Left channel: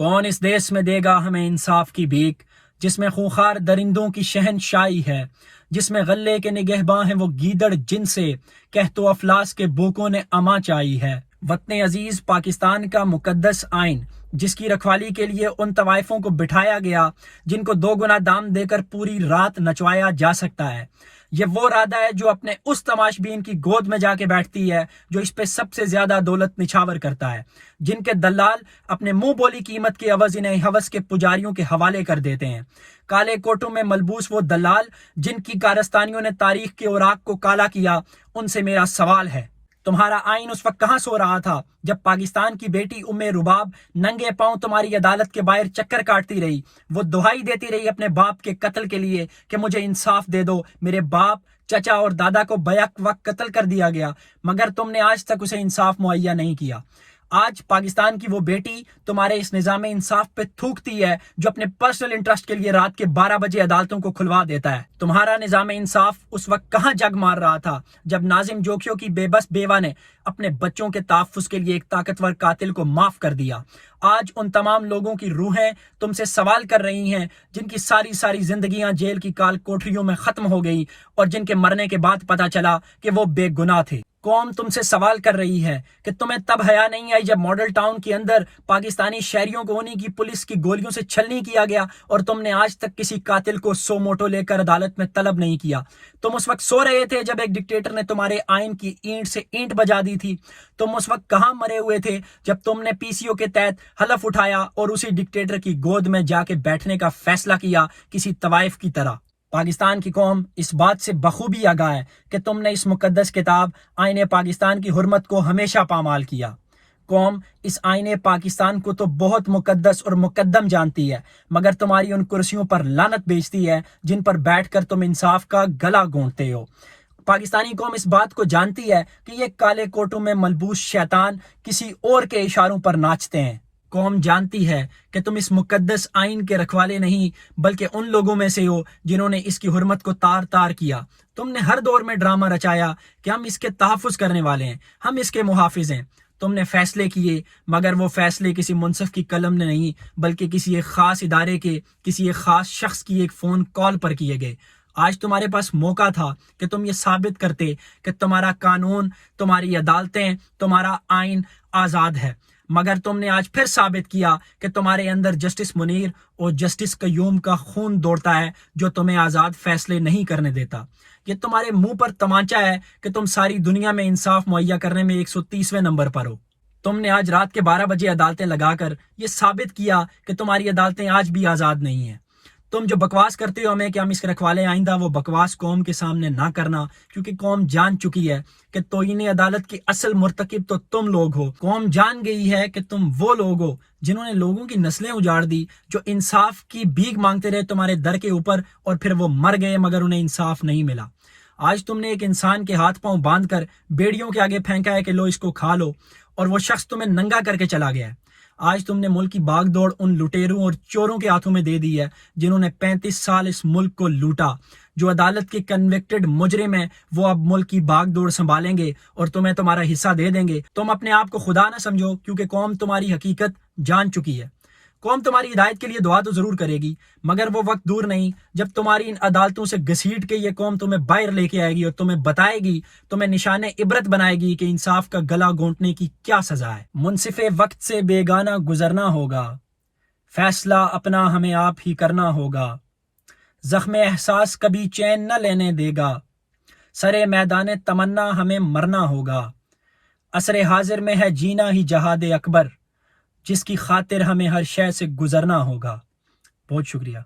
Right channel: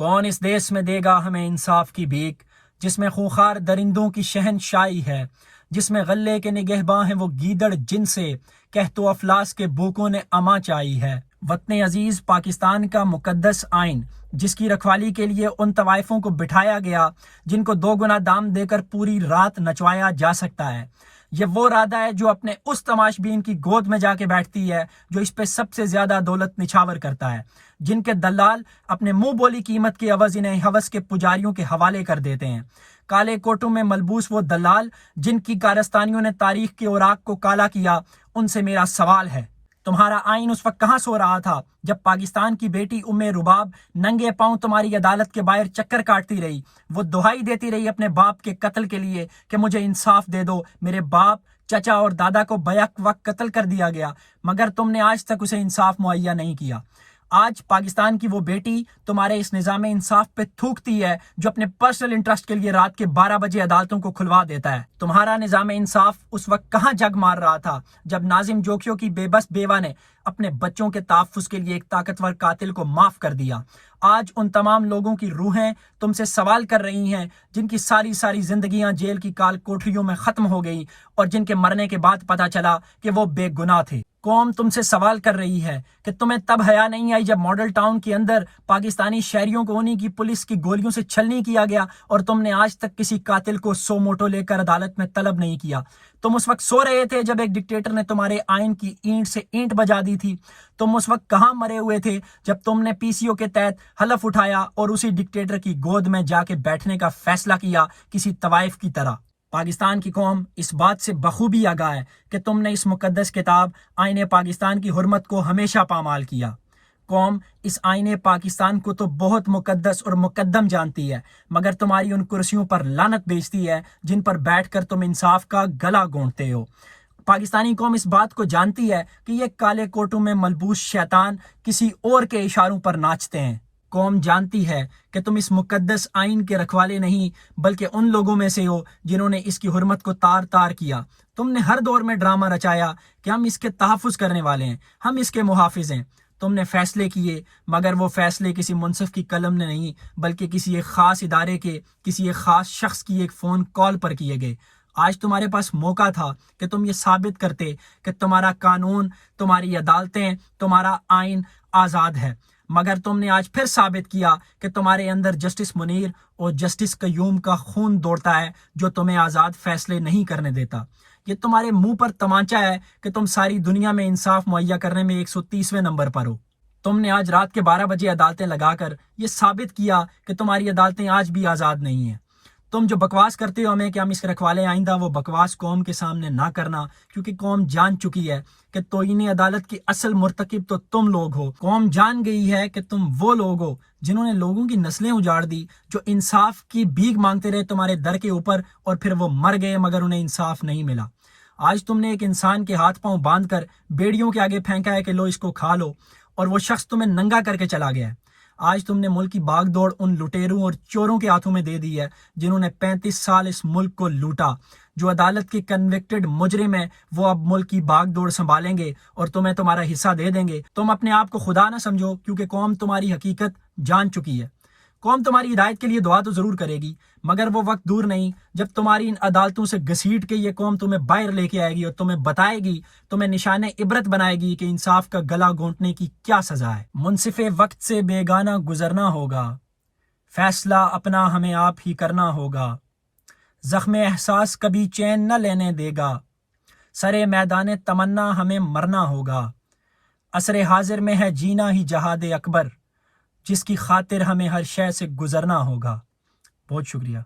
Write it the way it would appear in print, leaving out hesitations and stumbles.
کون اس دیس میں دے گا ہمیں انصاف کی بھیک، جس میں خونخوار درندوں کی شہنشاہی ہے، جس میں غلے کے نگہباں ہیں وہ گیدڑ جن سے کہت و افلاس کے بوکوں نے اما چائی ہے۔ وطن عزیز پاکستان کا مقدس آئین، جس کی رکھوالی کے لیے ان طوائفوں کو بٹھایا گیا جن کو 2 گنا دام دے کر پوری رات نچوایا جا سکتا ہے، یہ وہ رادہ ہے جو اپنے اس تماش بین کی گود میں جا کے بیٹھتی ہے جو اس پہ سب سے زیادہ دولت نچھاور کرتا ہے، جن کے دلال اپنے منہ بولی قیمت کے عوض انہیں ہوس کے پجاریوں کے حوالے کر دیتے ہیں۔ کالے کوٹوں میں ملبوس وہ دلال جن کی کارستانیوں نے تاریخ کے اوراق کو کالا کیا، ان سے میرا سوال ہے، تمہارا آئین اس وقت کہاں سو رہا تھا جب پاکستان کی بیٹی ام رباب ننگے پاؤں تمہاری عدالت کے باہر چکر کاٹتی رہی، وہ دہائی دیتی رہی اپنے باپ کے قتل کے لیے کہ مجھے انصاف دے دو، میرے باپ، چچا اور دادا کو بیک وقت قتل کر دیا گیا، مگر تم نے آج تک اسے انصاف مہیا نہیں کیا۔ آج پاکستان کی وہ بیٹی تمہارے اس نظام انصاف پہ تھوکتی ہے جو اپنے پرسنل انٹرسٹ کے لیے رات کے 12 بجے عدالتوں کو کھلوا دیتا ہے۔ تمہارا نظام انصاف اس وقت کہاں جگ مار رہا تھا جب ناظم جوکیوں کی بے بس بیوہ نے اپنے بچوں کے تحفظ کے لیے ایک طاقتور قاتل کو معاف کر دیا۔ آج ان تمام لوگوں کی روحیں تم سے سوال کر رہی ہیں جن کی ساری زندگیاں جیل کی کال کوٹریوں میں ختم ہو گئی اور جن کے مرنے کے بعد پتا چلا کہ وہ بے گناہ تھے۔ قوم تم سے سوال کر رہی ہے کہ تمہیں تب حیا نہیں آئی جب ماڈل ٹاؤن کے اندر پاکستانی شہریوں کو انہی کی پولیس کی گولیوں سے چھلنی کیا گیا اور تم نے آج تک کسی قاتل کو سو موٹو لے کر عدالت میں طلب نہیں کیا۔ تم اس وقت سو رہے تھے جب ایک ڈکٹیٹر نے تمہارے آئین کی اینٹ سے اینٹ بجا دی تھی۔ تم اس وقت کہاں مرے ہوئے تھے جب تم نے پی سی او کے تحت حلف اٹھایا اور اسی ڈکٹیٹر کی گود میں جا کے بیٹھنے کا فیصلہ کیا کسی طوائف کی طرح۔ پاکستان کی قوم اس بات سے بخوبی آگاہ ہے کہ تم نے اس مقدس کتاب آئین پاکستان کی حرمت کو ہمیشہ پامال کیا۔ قوم اس آئین پاکستان کو تو بہت مقدس اور مقدم جانتی ہے، مگر تمہاری ان کرسیوں پر لعنت بیچتی ہے جن پر بیٹھ کر تم انصاف کا گلا گھونٹتے ہو۔ پاکستانی قوم اس بات کو جانتی ہے کہ یہ کالے کوٹوں میں ملبوس شیطان کسی اور کے اشاروں پر ناچتے ہیں۔ قوم جانتی ہے کہ تم اس مقدس آئین کے رکھوالے نہیں بلکہ ان لوگوں میں سے ہو جنہوں نے اس کی حرمت کو تار تار کیا۔ تم نے ہر دور میں ڈرامہ رچایا کہ ہم اس کے تحفظ کرنے والے ہیں، ہم اس کے محافظ ہیں۔ تم نے فیصلے کیے مگر وہ فیصلے کسی منصف کی قلم نے نہیں بلکہ کسی ایک خاص ادارے کے، کسی ایک خاص شخص کی ایک فون کال پر کیے گئے۔ آج تمہارے پاس موقع تھا کہ تم یہ ثابت کرتے کہ تمہارا قانون، تمہاری عدالتیں، تمہارا آئین آزاد ہے، مگر تم نے آج پھر ثابت کیا کہ تمہارے اندر جسٹس منیر اور جسٹس قیوم کا خون دوڑتا ہے جو تمہیں آزاد فیصلے نہیں کرنے دیتا۔ یہ تمہارے منہ پر تمانچہ ہے کہ تم ساری دنیا میں انصاف مہیا کرنے میں 130ویں نمبر پر ہو۔ تم نے آج رات کے 12 بجے عدالتیں لگا کر یہ ثابت کیا کہ تمہاری عدالتیں آج بھی آزاد نہیں ہیں۔ تم جو بکواس کرتے ہو ہمیں کہ ہم اس کے رکھوالے آئندہ، وہ بکواس قوم کے سامنے نہ کرنا، کیونکہ قوم جان چکی ہے کہ توہین عدالت کی اصل مرتکب تو تم لوگ ہو۔ قوم جان گئی ہے کہ تم وہ لوگ ہو جنہوں نے لوگوں کی نسلیں اجاڑ دی، جو انصاف کی بھیک مانگتے رہے تمہارے در کے اوپر اور پھر وہ مر گئے مگر انہیں انصاف نہیں ملا۔ آج تم نے ایک انسان کے ہاتھ پاؤں باندھ کر بیڑیوں کے آگے پھینکا ہے کہ لو اس کو کھا لو، اور وہ شخص تمہیں ننگا کر کے چلا گیا ہے۔ آج تم نے ملک کی باغ دوڑ ان لٹیروں اور چوروں کے ہاتھوں میں دے دی ہے جنہوں نے 35 سال اس ملک کو لوٹا۔ جو عدالت کے کنوکٹڈ مجرم ہیں وہ اب ملک کی باغ دوڑ سنبھالیں گے اور تمہیں تمہارا حصہ دے دیں گے۔ تم اپنے آپ کو خدا نہ سمجھو، کیونکہ قوم تمہاری حقیقت جان چکی ہے۔ قوم تمہاری ہدایت کے لیے دعا تو ضرور کرے گی، مگر وہ وقت دور نہیں جب تمہاری ان عدالتوں سے گھسیٹ کے یہ قوم تمہیں باہر لے کے آئے گی اور تمہیں بتائے گی، تمہیں نشان عبرت بنائے گی کہ انصاف کا گلا گھونٹنے کی کیا سزا ہے۔ منصف وقت سے بیگانہ گزرنا ہوگا، فیصلہ اپنا ہمیں آپ ہی کرنا ہوگا، زخم احساس کبھی چین نہ لینے دے گا، سرے میدان تمنا ہمیں مرنا ہوگا، عصر حاضر میں ہے جینا ہی جہاد اکبر، جس کی خاطر ہمیں ہر شے سے گزرنا ہوگا۔ بہت شکریہ۔